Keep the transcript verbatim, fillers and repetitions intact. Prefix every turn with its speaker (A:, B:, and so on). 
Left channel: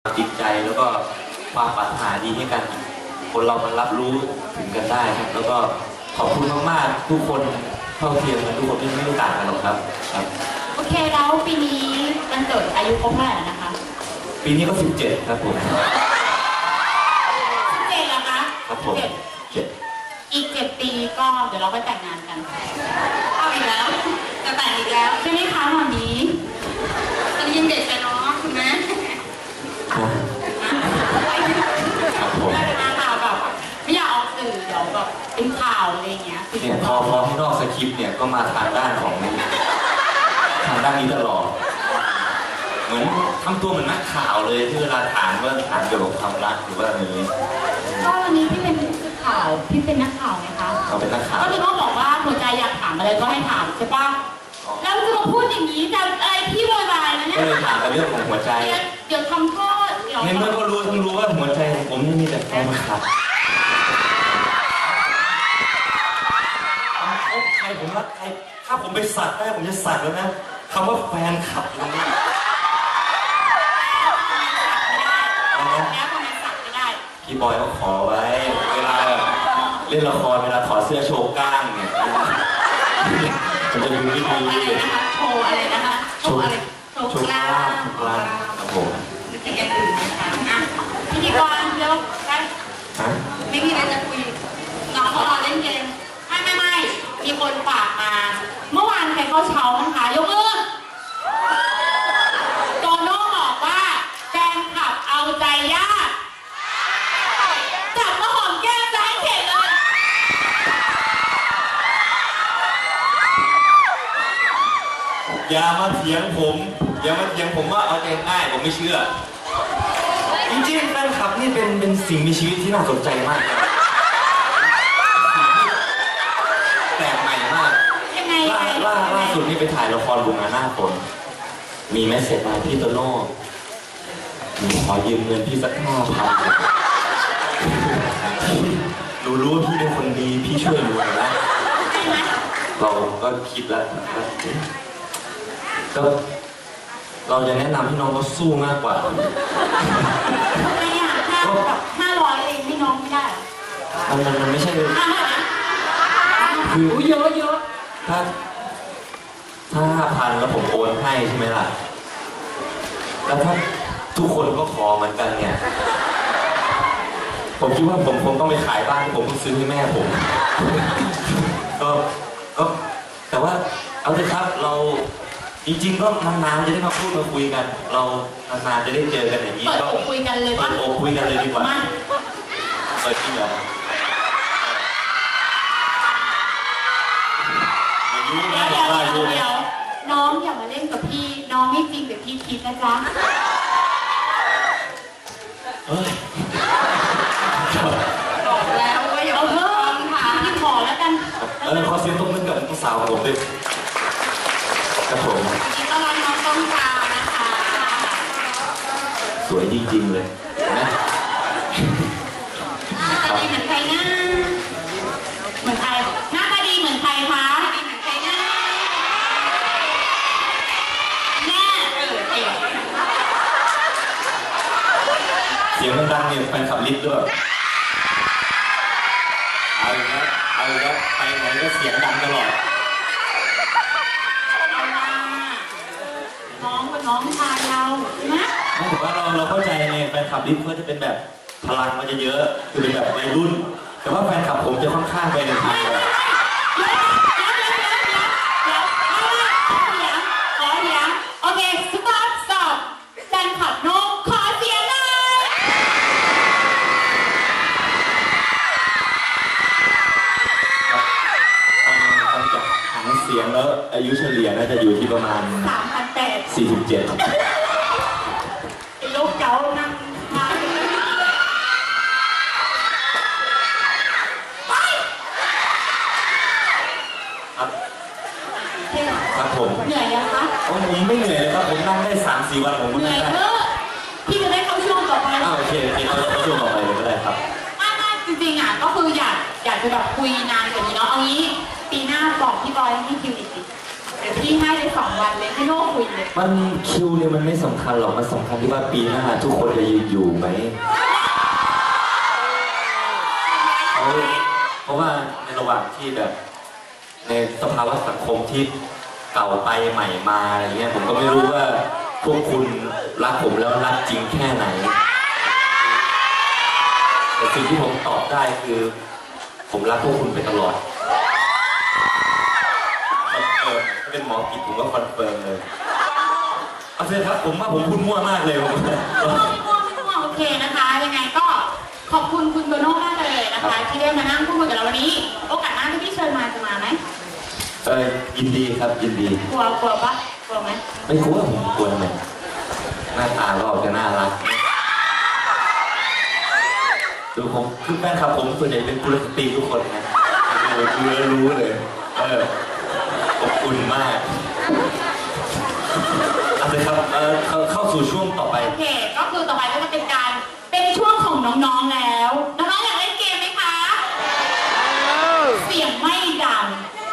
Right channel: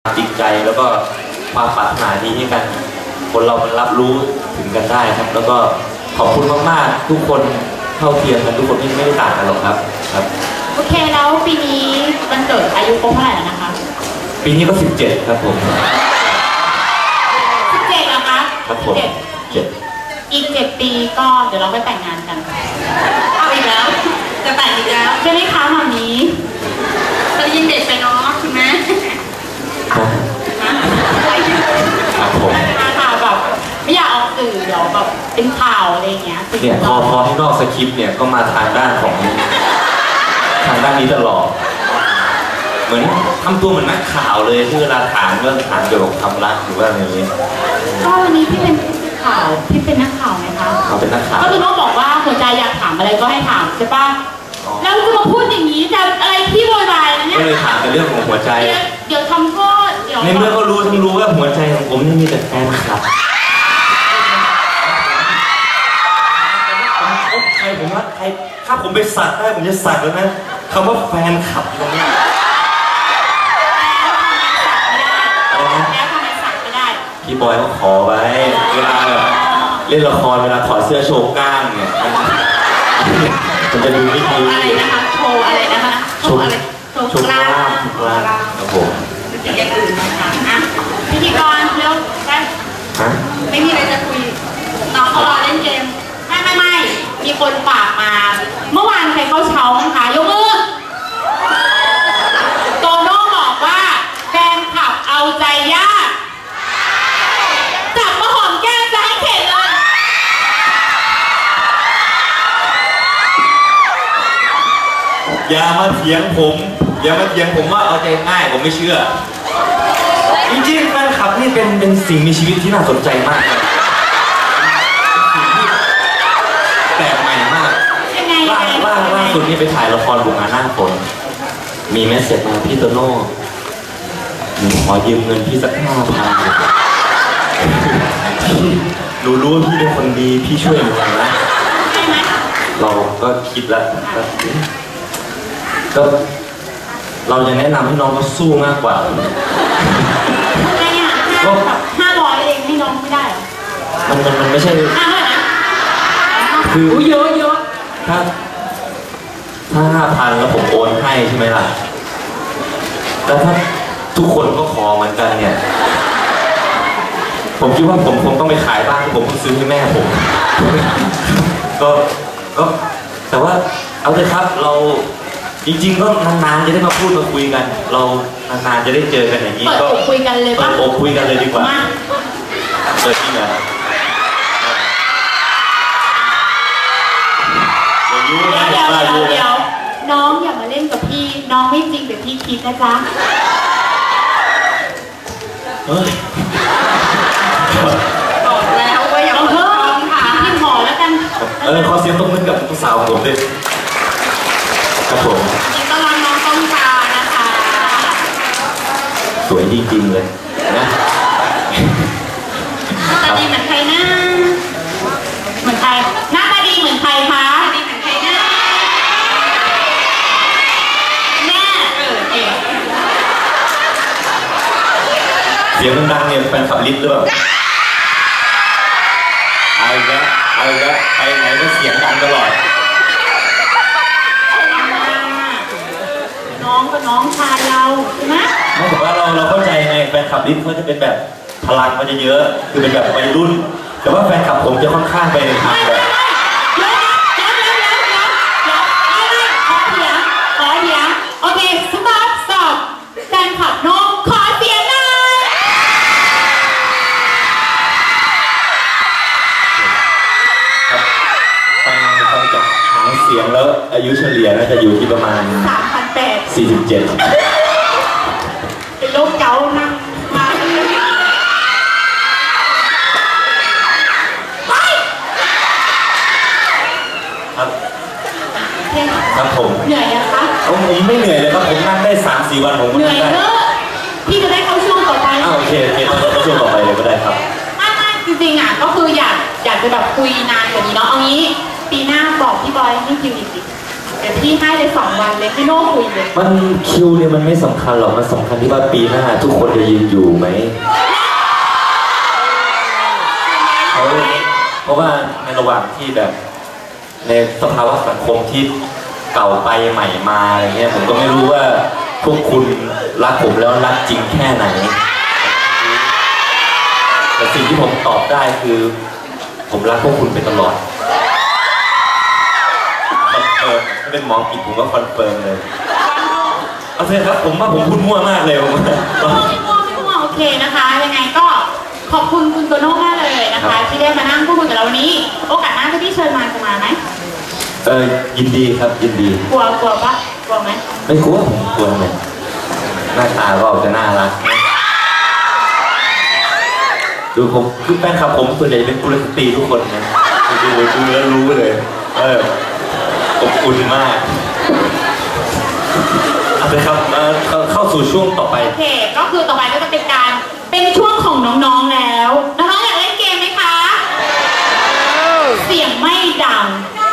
A: จิตใจแล้วก็ความปรารถนาดีให้กันคนเรามันรับรู้ถึงกันได้ครับแล้วก็ขอบคุณมากๆทุกคนเท่าเทียมกันทุกคนที่ไม่ได้ต่างกันหรอกครับครับ
B: โอเคแล้วปีนี้มันเกิดอายุครบเท่าไหร่แล้วนะคะ
A: ปีนี้ก็สิบเจ็ดครับผม
B: สิบเจ็ดเหรอคะ
A: ครับผมเจ็ด
B: อีกเจ็ดปีก็เดี๋ยวเราไปแต่งงานกันเอาอีกแล้วจะแต่งอีกแล้วใช่ไหมคะตอนนี้จะยินเด็กไปเนาะคุณแม่
A: ครับผม
B: ข่าวแบบไม่อยากออกสื่อเดี๋ยวแบบเป็นข่าวอะไรเงี้ย
A: เนี่ยพอพอที่นอกสคริปต์เนี่ยก็มาทางด้านของทางด้านนี้ตลอดเหมือนทำตัวเหมือนนักข่าวเลยที่เวลาถามเรื่องถามเกี่ยวกับความรักหรือว่าอะไรอย่างนี้
B: ก็วันนี้พี่เป็นผู้สื่อข่าวพี่เป็นนักข่าวไหมคะ
A: เขาเป็นนักข่าว
B: ก็คือต้องบอกว่าหัวใจอยากถามอะไรก็ให้ถามใช่ปะแล้วจะมาพูดอย่างนี้จะอะไรที่โวยวายนะเนี่ย
A: ก็เลยถามเป็นเรื่องของหัวใจ
B: เดี๋ยวทำโทษเดี๋ยว
A: ในเมื่อก็รู้ทั้งรู้ว่าหัวใจของผมนี่มีแต่แฟนคลับผมใครผมรักใครถ้าผมไปสักได้ผมจะสักแล้วนะคำว่าแฟนคลับตรงนี้
B: แล้วทำไมสักไม่ได้
A: พี่บอยเขาขอไว้เวลาแบบเล่นละครเวลาถอดเสื้อโชว์กล้ามเนี่ยมันจะดูไม่ดี
B: อะไรนะคะโชว์อะไรนะคะโชว์อะไร
A: โชว์กล้ามกล้ามครับผม
B: อย่างอื่นนะคะอ่ะพิธีกรเร็วไปไม่มีอะไรจะคุยน้องเขารอเล่นเกมไม่ไม่ไม่มีคนฝากมาเมื่อวานใครเข้าเช้ามั้งคะยกมือโตโน่บอกว่าแฟนคลับเอาใจยากจับมาหอมแก้มจะให้เข็ดเลย
A: อย่ามาเถียงผมอย่ามาเถียงผมว่าเอาใจง่ายผมไม่เชื่อจริงๆแฟนคลับนี่เป็นเป็นสิ่งมีชีวิตที่น่าสนใจมากเลยสิ่งที่แปลกใหม่มากล่าล่าล่าสุดนี่ไปถ่ายละครบุงงานหน้าฝนมีเมสเสจมาพี่โตโน่หนูขอยืมเงินพี่สักห้าพันหนูรู้ว่าพี่เป็นคนดีพี่ช่วยหนูนะเราก็คิดแล้วก็เราจะแนะนำให้น้องเขาสู้มากกว่า
B: ทำไมอ่ะห้าแบบห้าร้อยเองให้น้องไม่ได้เหรอ
A: มันมันมันไม่ใช่
B: ห้าร้อยนะ
A: คือ
B: เยอะเยอะ
A: ถ้าถ้าห้าพันแล้วผมโอนให้ใช่ไหมล่ะแล้วถ้าทุกคนก็ขอเหมือนกันเนี่ยผมคิดว่าผมคงต้องไปขายบ้านผมต้องซื้อให้แม่ผมก็ก็แต่ว่าเอาเลยครับเราจริงๆก็นานๆจะได้มาพูดมาคุยกันเรานานๆจะได้เจอกันอย่างนี้
B: ก็คุยกันเลยป่ะ
A: เปิดอกคุยกันเลยดีกว่าเปิดจริงเหรอ
B: เดี๋ยวเดี๋ยวเดี๋ยวเดี๋ยวน้องอย่ามาเล่นกับพี่น้องไม่จริงแบบพี่คิดนะจ๊ะ
A: เฮ้ย
B: บอกแล้วว่าอย่าเพิ่มค่ะพี่ขอแล้วกัน
A: เออขอเสียงตบมือกับผู้สาวของผมด้วยครับผม
B: ยินดีต้อนรับน้องต้องกานะคะ
A: สวยจริงๆเลยนะ
B: หน้าตาดีเหมือนใครนะเหมือนใครหน้าตาดีเหมือนใครคะดีเหมือนใครนะแม่เกิดเอง
A: เสียงดังเนี่ยแฟนขับลิฟต์หรือเปล่าเอาอีกแล้วเอาอีกแล้วไปไหนก็เสียงดังตลอด
B: น้องก็น้องชายเรานะ
A: ไม่แต่ว่าเราเราเข้าใจไงแฟนคลับลิฟต์เขาจะเป็นแบบพลังมันจะเยอะคือเป็นแบบวัยรุ่นแต่ว่าแฟนคลับผมจะค่อนข้างไปในทางแบบ
B: เดี๋ยวนะเดี๋ยวเดี๋ยวเดี๋ยวเดี๋ยวเดี๋ยวไม่ไม่ขอเสียงขอเสียงโอเคสต็อปสต็อปแฟนคลับน้องขอเสียงหน่อย
A: ฟังฟังจากหางเสียงแล้วอายุเฉลี่ยน่าจะอยู่ที่ประมาณ
B: สามพันแปด
A: สี่สิบเจ็ด
B: เป็นโรคเกาต์นั่งมา
A: ครับครับผม
B: เหนื่อยยังคะ
A: ผมไม่เหนื่อยเลยครับผมนั่งได้สามสี่วันผม
B: เหนื่อยเนอะพี่จะได้เข้าช่วงต่อไป
A: อ้าวโอเคโอเคเข้าช่วงต่อไปเลยก็ได้ครับ
B: ไม่ไม่จริงๆอ่ะก็คืออยากอยากจะแบบคุยนานกว่านี้เนาะเอางี้ปีหน้าบอกพี่บอยให้คิวอีกสิดี๋ยวพี่ให้เลยสองวันเลยพี่โน่คุยเลย
C: มันคิวเนี่ยมันไม่สำคัญหรอกมันสำคัญที่ว่าปีหน้าทุกคนจะยืนอยู่ไหมเขาเพราะว่าในระหว่างที่แบบในสภาวะสังคมที่เก่าไปใหม่มาอะไรเงี้ยผมก็ไม่รู้ว่าพวกคุณรักผมแล้วรักจริงแค่ไหนแต่สิ่งที่ผมตอบได้คือผมรักพวกคุณไปตลอดคอนเฟิร์มถ้าเป็นหมอกิจผมก็คอนเฟิร์มเลยเอาเถอะครับผมว่าผมพูดมั่วมากเลยผมว่า
B: ไม่มั่วไม่มั่วไม่มั่วโอเคนะคะยังไงก็ขอบคุณคุณโตโน่มากเลยนะคะที่ได้มานั่งพูดคุยกับเราวันนี้โอกาสหน้าถ้าพี่เชิญมาจะมาไหม
C: เออยินดีครับยินดี
B: กลัวกลัวปะกลัวไหม
C: ไม่กลัวผมกลัวทำไมหน้าตาก็จะน่ารักดูผมคือแฟนคลับผมส่วนใหญ่เป็นกุลสตรีทุกคนนะดูดูแล้วรู้เลยเอออบอุ่นมากเอาเลยครับเข้าสู่ช่วงต่อไป
B: โอเคก็คือต่อไปก็จะเป็นการเป็นช่วงของน้องๆแล้วน้องๆอยากเล่นเกมไหมคะเสียงไม่ดัง